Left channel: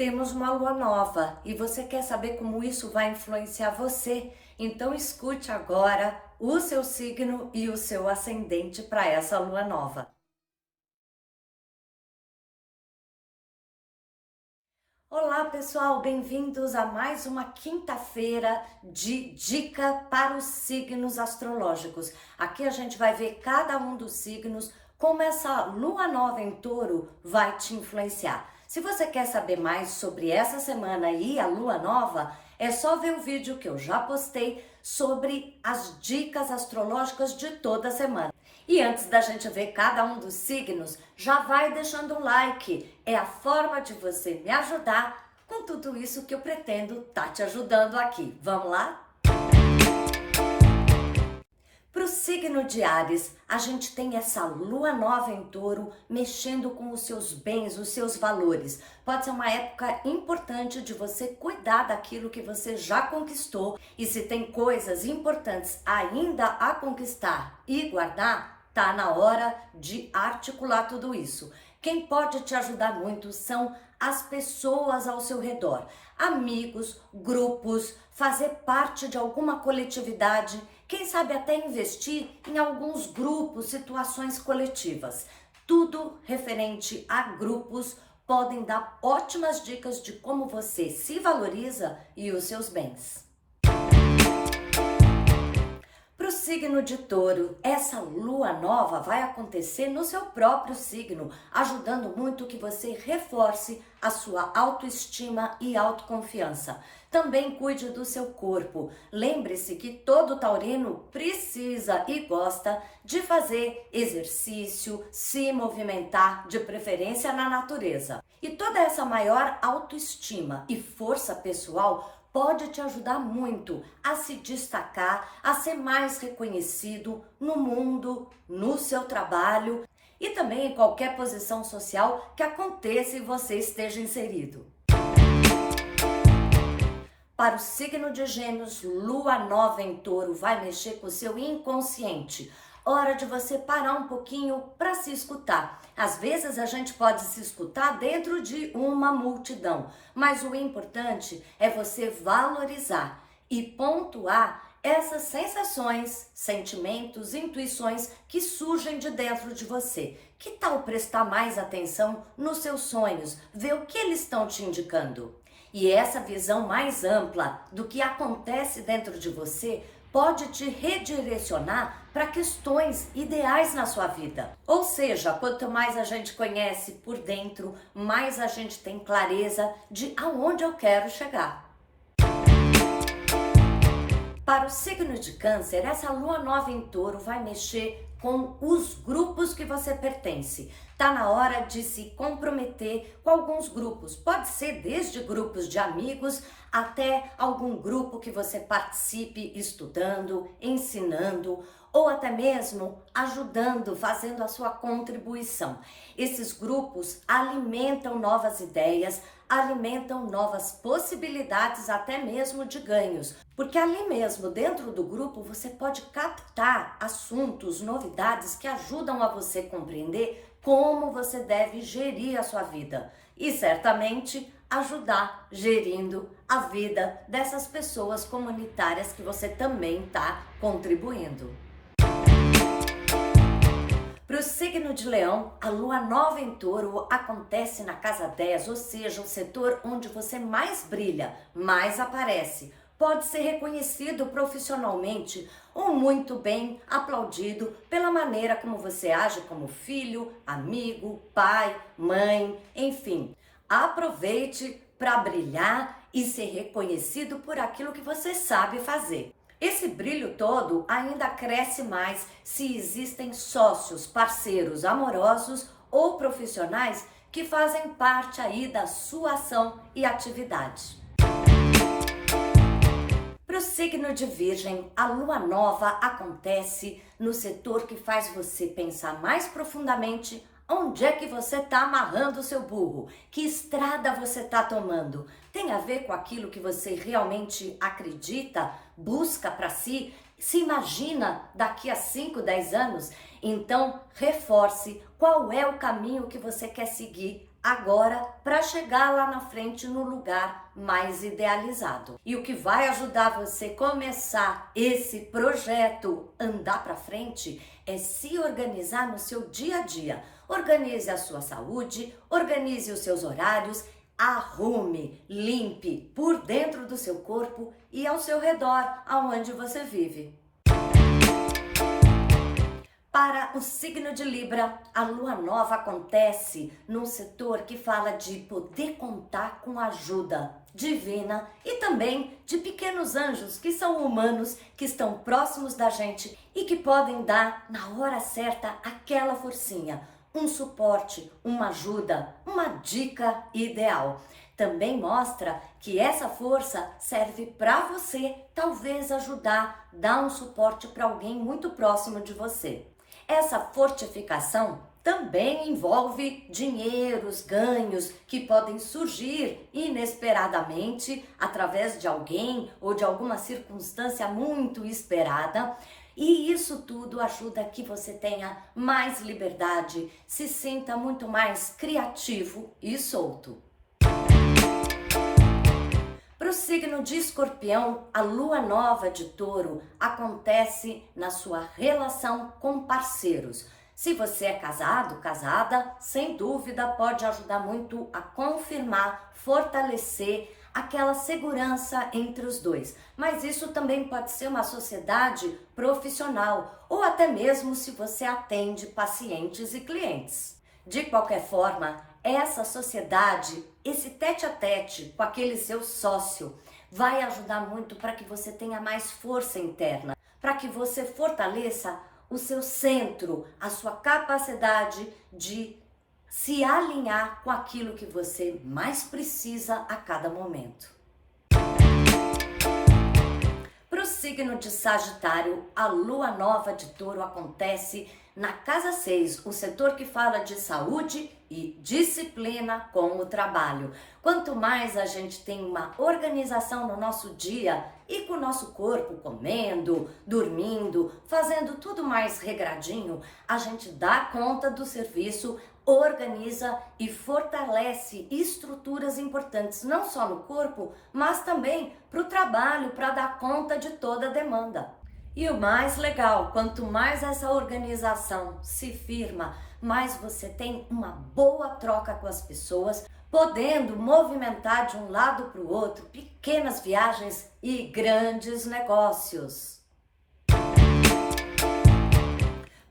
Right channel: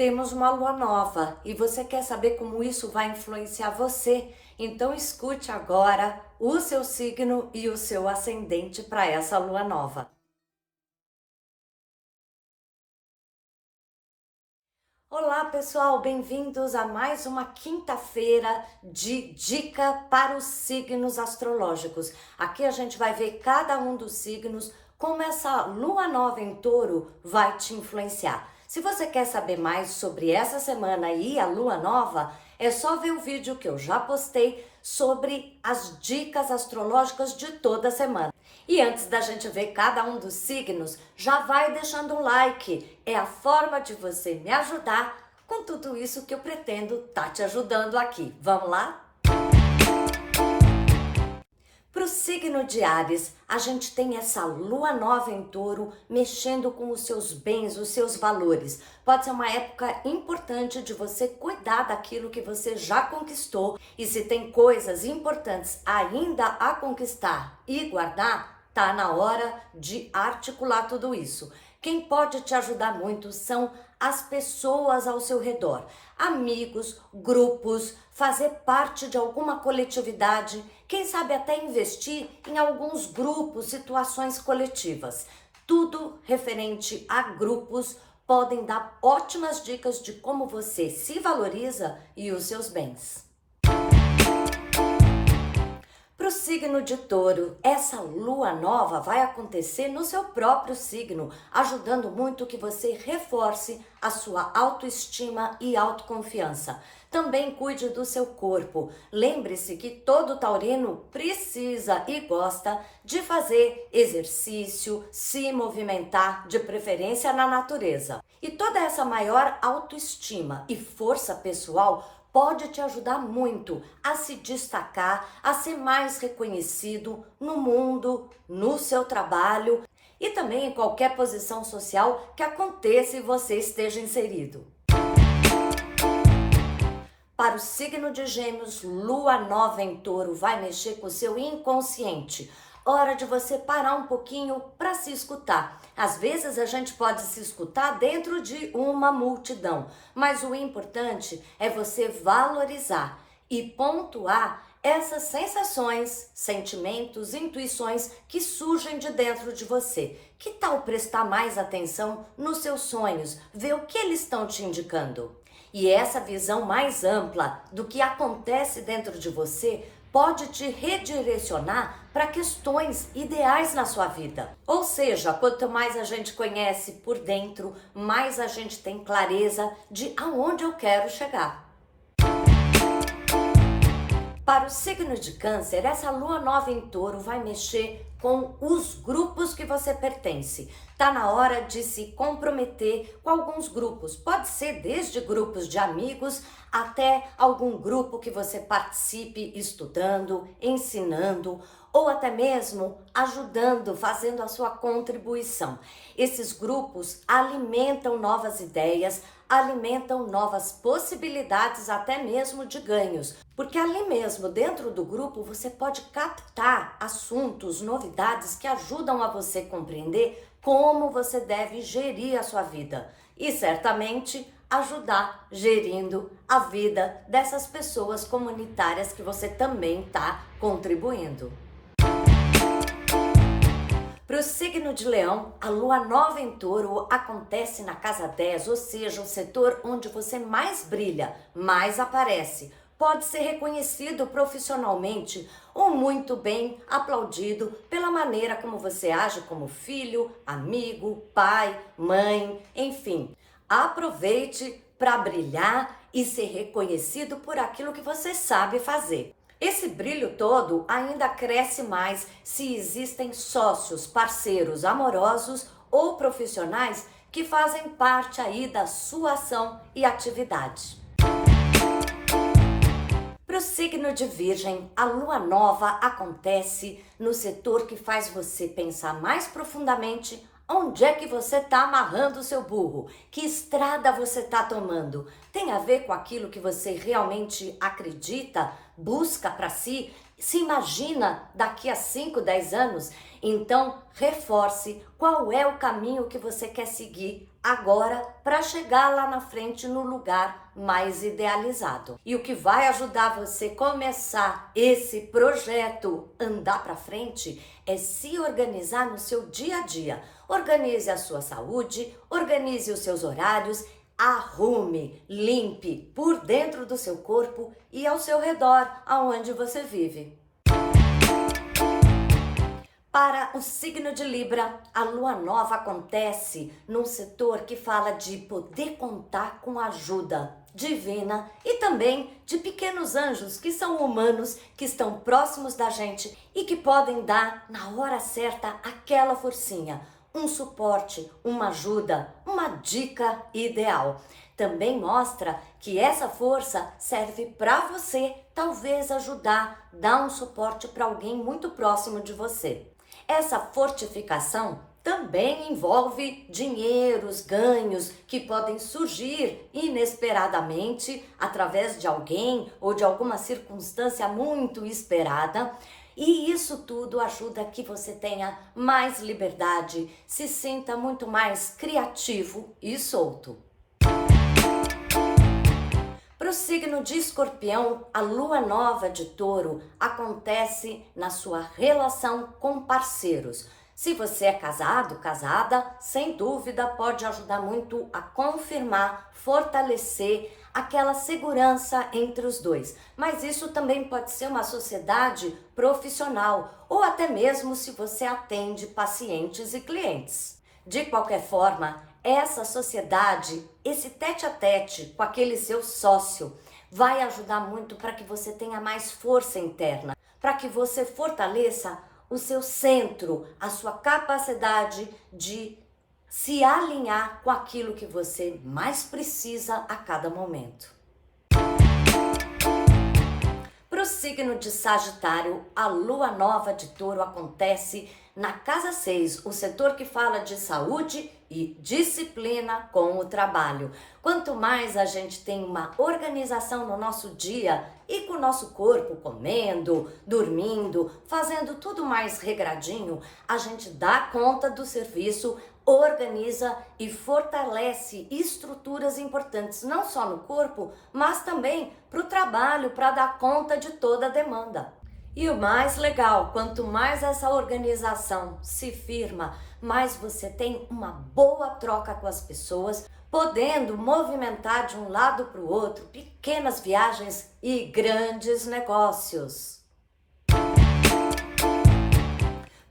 Temos uma lua nova e você quer saber como isso vai influenciar você? Então escute agora o seu signo e o seu ascendente para essa lua nova. Olá pessoal, bem-vindos a mais uma quinta-feira de dica para os signos astrológicos. Aqui a gente vai ver cada um dos signos, como essa lua nova em touro vai te influenciar. Se você quer saber mais sobre essa semana e a lua nova, é só ver o vídeo que eu já postei sobre as dicas astrológicas de toda semana. E antes da gente ver cada um dos signos, já vai deixando um like. É a forma de você me ajudar com tudo isso que eu pretendo estar te ajudando aqui. Vamos lá? Para o signo de Áries, a gente tem essa lua nova em touro mexendo com os seus bens, os seus valores. Pode ser uma época importante de você cuidar daquilo que você já conquistou. E se tem coisas importantes ainda a conquistar e guardar, tá na hora de articular tudo isso. Quem pode te ajudar muito são as pessoas ao seu redor, amigos, grupos, fazer parte de alguma coletividade, quem sabe até investir em alguns grupos, situações coletivas. Tudo referente a grupos podem dar ótimas dicas de como você se valoriza e os seus bens. Para o signo de touro, essa lua nova vai acontecer no seu próprio signo, ajudando muito que você reforce a sua autoestima e autoconfiança. Também cuide do seu corpo. Lembre-se que todo taurino precisa e gosta de fazer exercício, se movimentar, de preferência na natureza. E toda essa maior autoestima e força pessoal pode te ajudar muito a se destacar, a ser mais reconhecido no mundo, no seu trabalho e também em qualquer posição social que aconteça e você esteja inserido. Para o signo de Gêmeos, lua nova em touro vai mexer com o seu inconsciente. Hora de você parar um pouquinho para se escutar. Às vezes a gente pode se escutar dentro de uma multidão, mas o importante é você valorizar e pontuar essas sensações, sentimentos, intuições que surgem de dentro de você. Que tal prestar mais atenção nos seus sonhos, ver o que eles estão te indicando? E essa visão mais ampla do que acontece dentro de você pode te redirecionar para questões ideais na sua vida. Ou seja, quanto mais a gente conhece por dentro, mais a gente tem clareza de aonde eu quero chegar. Para o signo de Câncer, essa lua nova em touro vai mexer com os grupos que você pertence. Tá na hora de se comprometer com alguns grupos. Pode ser desde grupos de amigos até algum grupo que você participe estudando, ensinando ou até mesmo ajudando, fazendo a sua contribuição. Esses grupos alimentam novas ideias, alimentam novas possibilidades até mesmo de ganhos, porque ali mesmo dentro do grupo você pode captar assuntos, novidades que ajudam a você compreender como você deve gerir a sua vida e certamente ajudar gerindo a vida dessas pessoas comunitárias que você também está contribuindo. Para o signo de Leão, a lua nova em touro acontece na casa 10, ou seja, o setor onde você mais brilha, mais aparece. Pode ser reconhecido profissionalmente ou muito bem aplaudido pela maneira como você age como filho, amigo, pai, mãe, enfim. Aproveite para brilhar e ser reconhecido por aquilo que você sabe fazer. Esse brilho todo ainda cresce mais se existem sócios, parceiros amorosos ou profissionais que fazem parte aí da sua ação e atividade. Para o signo de Virgem, a lua nova acontece no setor que faz você pensar mais profundamente onde é que você está amarrando o seu burro, que estrada você está tomando. Tem a ver com aquilo que você realmente acredita, busca para si, se imagina daqui a 5, 10 anos. Então, reforce qual é o caminho que você quer seguir agora para chegar lá na frente no lugar mais idealizado. E o que vai ajudar você a começar esse projeto andar para frente é se organizar no seu dia a dia. Organize a sua saúde, organize os seus horários, arrume, limpe por dentro do seu corpo e ao seu redor, aonde você vive. Para o signo de Libra, a lua nova acontece num setor que fala de poder contar com ajuda divina e também de pequenos anjos que são humanos, que estão próximos da gente e que podem dar na hora certa aquela forcinha, um suporte, uma ajuda, uma dica ideal. Também mostra que essa força serve para você talvez ajudar, dar um suporte para alguém muito próximo de você. Essa fortificação também envolve dinheiros, ganhos que podem surgir inesperadamente através de alguém ou de alguma circunstância muito esperada. E isso tudo ajuda que você tenha mais liberdade, se sinta muito mais criativo e solto. Para o signo de Escorpião, a lua nova de Touro acontece na sua relação com parceiros. Se você é casado, casada, sem dúvida pode ajudar muito a confirmar, fortalecer aquela segurança entre os dois. Mas isso também pode ser uma sociedade profissional ou até mesmo se você atende pacientes e clientes. De qualquer forma, essa sociedade, esse tete-a-tete com aquele seu sócio, vai ajudar muito para que você tenha mais força interna, para que você fortaleça o seu centro, a sua capacidade de se alinhar com aquilo que você mais precisa a cada momento. Para o signo de Sagitário, a lua nova de Touro acontece na casa 6, o setor que fala de saúde e disciplina com o trabalho. Quanto mais a gente tem uma organização no nosso dia e com o nosso corpo comendo, dormindo, fazendo tudo mais regradinho, a gente dá conta do serviço, organiza e fortalece estruturas importantes, não só no corpo, mas também para o trabalho, para dar conta de toda a demanda. E o mais legal, quanto mais essa organização se firma, mais você tem uma boa troca com as pessoas, podendo movimentar de um lado para o outro pequenas viagens e grandes negócios.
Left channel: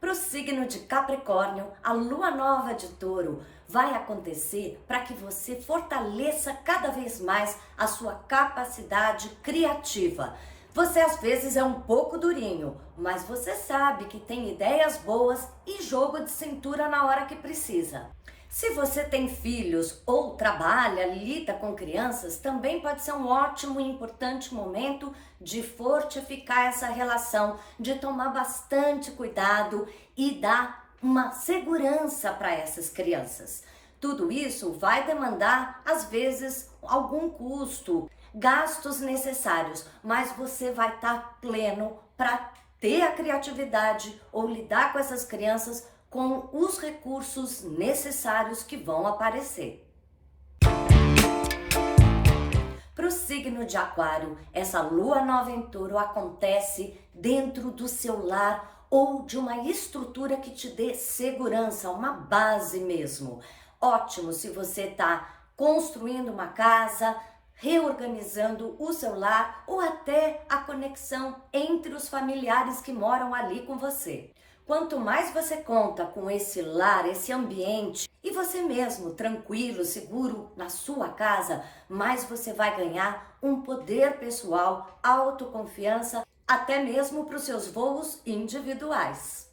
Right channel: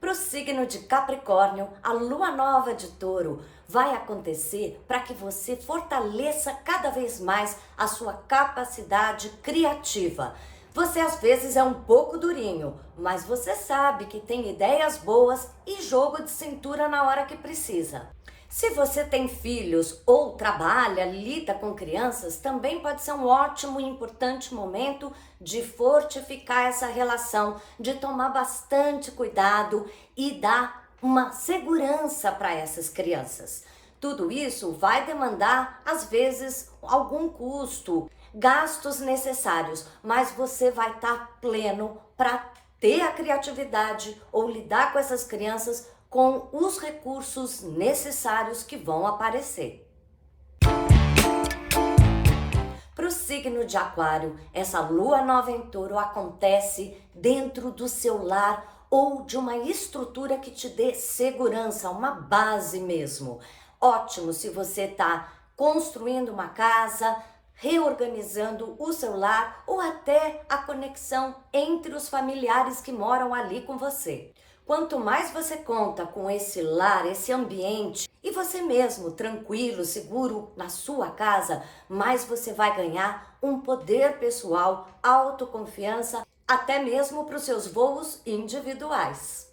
Para o signo de Capricórnio, a lua nova de Touro vai acontecer para que você fortaleça cada vez mais a sua capacidade criativa. Você às vezes é um pouco durinho, mas você sabe que tem ideias boas e jogo de cintura na hora que precisa. Se você tem filhos ou trabalha, lida com crianças, também pode ser um ótimo e importante momento de fortificar essa relação, de tomar bastante cuidado e dar uma segurança para essas crianças. Tudo isso vai demandar, às vezes, algum custo, gastos necessários, mas você vai estar pleno para ter a criatividade ou lidar com essas crianças com os recursos necessários que vão aparecer. Para o signo de Aquário, essa lua nova em Touro acontece dentro do seu lar ou de uma estrutura que te dê segurança, uma base mesmo. Ótimo se você está construindo uma casa, reorganizando o seu lar ou até a conexão entre os familiares que moram ali com você. Quanto mais você conta com esse lar, esse ambiente e você mesmo tranquilo, seguro na sua casa, mais você vai ganhar um poder pessoal, autoconfiança, até mesmo para os seus voos individuais.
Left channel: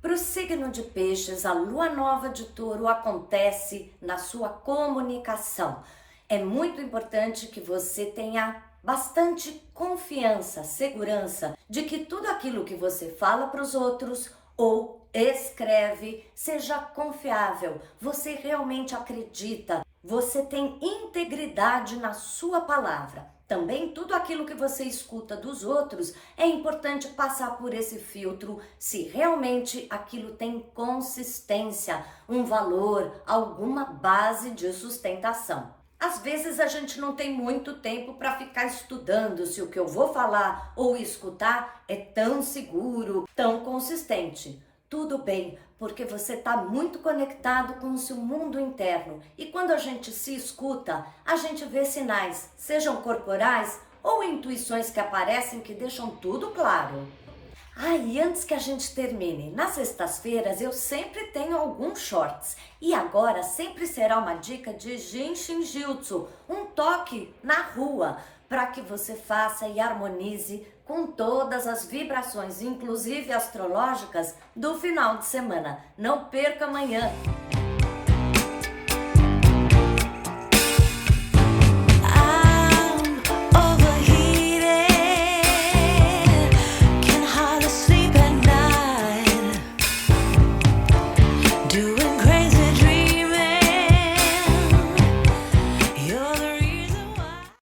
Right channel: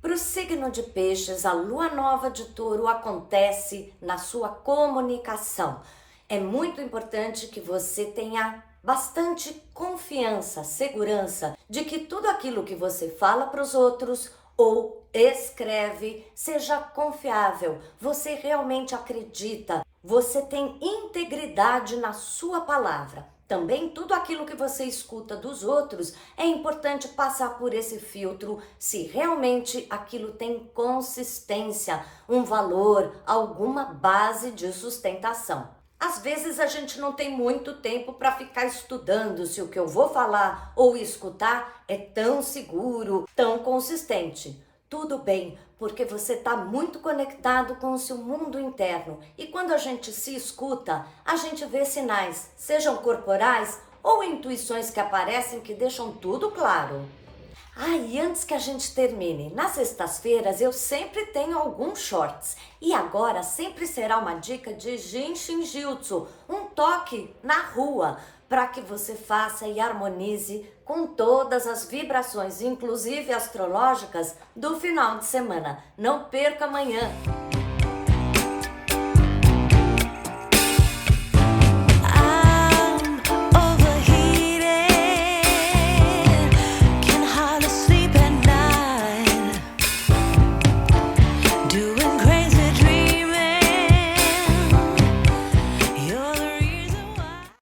Para o signo de Peixes, a lua nova de Touro acontece na sua comunicação. É muito importante que você tenha bastante confiança, segurança de que tudo aquilo que você fala para os outros ou escreve seja confiável. Você realmente acredita você tem integridade na sua palavra. Também tudo aquilo que você escuta dos outros é importante passar por esse filtro se realmente aquilo tem consistência, um valor, alguma base de sustentação. Às vezes a gente não tem muito tempo para ficar estudando se o que eu vou falar ou escutar é tão seguro, tão consistente. Tudo bem, porque você está muito conectado com o seu mundo interno. E quando a gente se escuta, a gente vê sinais, sejam corporais ou intuições que aparecem que deixam tudo claro. E antes que a gente termine, nas sextas-feiras eu sempre tenho alguns shorts. E agora sempre será uma dica de Jinshin Jutsu, um toque na rua, para que você faça e harmonize com todas as vibrações, inclusive astrológicas, do final de semana. Não perca amanhã!